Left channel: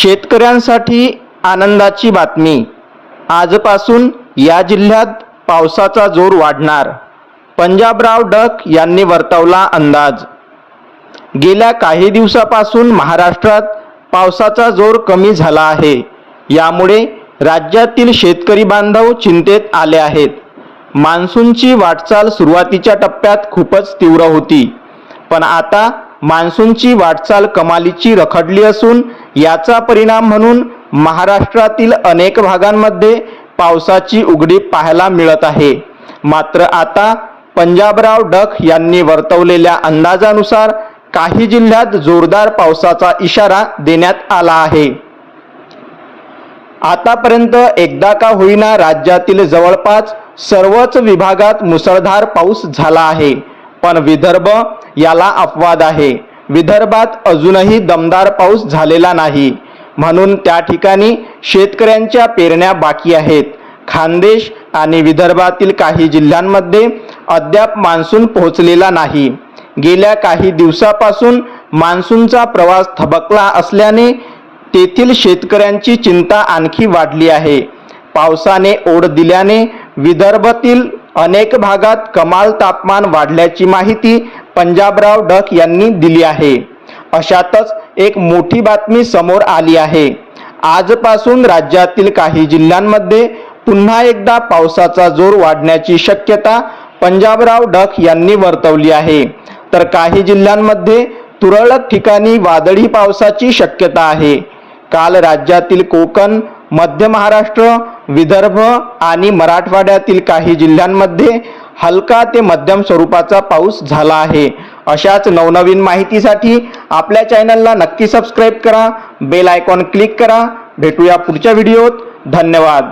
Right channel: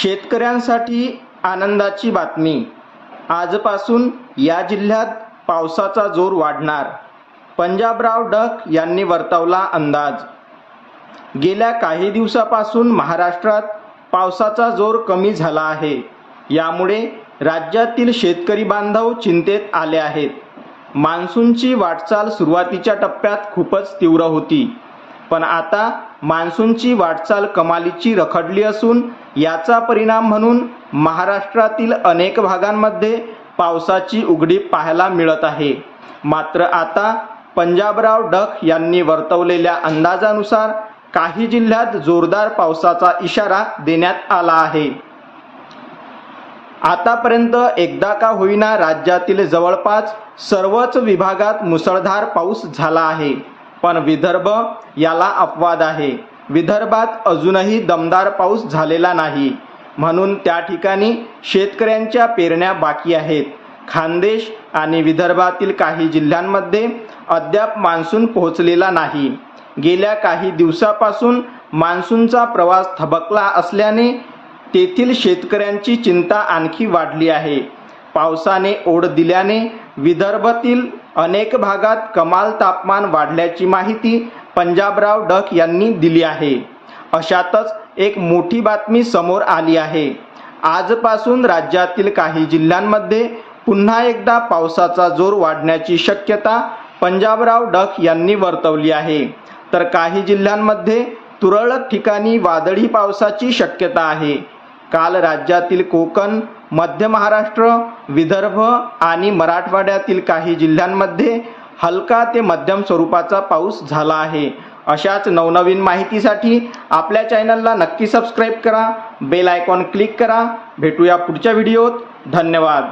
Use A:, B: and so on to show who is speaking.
A: शेतकऱ्यांसाठी आनंदाची बातमी. आजपासून या जिल्ह्यात पावसाचा जोर वाढणार. पंजाबराव डक यांनी वर्तवला अंदाज. गेल्या काही दिवसापासून महाराष्ट्रात पावसाचा जोर कमी झाला आहे. यामुळे राज्यातील शेतकरी बांधव चिंतेत आले आहेत. मान्सूनची वाटचाल सुरुवातीच्या टप्प्यात खूपच तीव्र होती. पण आता मान्सूनची वाटचाल कमालीची रखडली असून याचा परिणाम म्हणून महाराष्ट्रातील अनेक भागांमध्ये पावसाची उघडी पाहायला मिळत आहे. मात्र आता पंजाबराव डक यांनी वर्तवलेल्या अंदाजानुसार काही जिल्ह्यात जोरदार पावसाचा इशारा देण्यात आला आहे. आतापर्यंत एकदा का होईना राज्यातील जवळपास सर्वच विभागात मुसळधार पाऊस झाला आहे. पण विदर्भ याला अपवाद आहे. विदर्भात अजूनही दमदार पाऊस झालेला नाही. म्हणून त्या ठिकाणी शेतकऱ्यांच्या पेरण्या बाकी आहेत. खानदेश आणि विदर्भातील काही जिल्ह्यांमध्ये अद्याप मान्सून पोहोचलेला नाही. गेल्या काही दिवसापासून मान्सूनचा प्रवास थबकला असल्याने तेथील शेतकऱ्यांची चिंता आणखी वाढली आहे. पावसाने ओढ दिल्याने विदर्भातील अनेक भागात कमाल तापमान वाढल्याची माहिती पंजाबराव डक यांनी दिली आहे. अशातच एक मोठी बातमी समोर आली आहे. आजपासून राज्यातील काही जिल्ह्यांमध्ये पुन्हा एकदा पावसाचा जोर वाढण्याची शक्यता पंजाबराव डक यांनी वर्तवली आहे. तर काही जिल्ह्यांमध्ये तुरळक ठिकाणी वादळी पावसाची शक्यता आहे. काल राज्यातील कोकण मध्य महाराष्ट्र विदर्भ आणि मराठवाड्यातील काही जिल्ह्यांमध्ये हलका ते मध्यम स्वरूपाचा पाऊस झाला आहे. अशाच नवनवीन माहितीसाठी आपल्या चॅनलला नक्की सबस्क्राईब करा बेल आयकॉन क्लिक करा. भेटूया पुढच्या व्हिडिओत. धन्यवाद.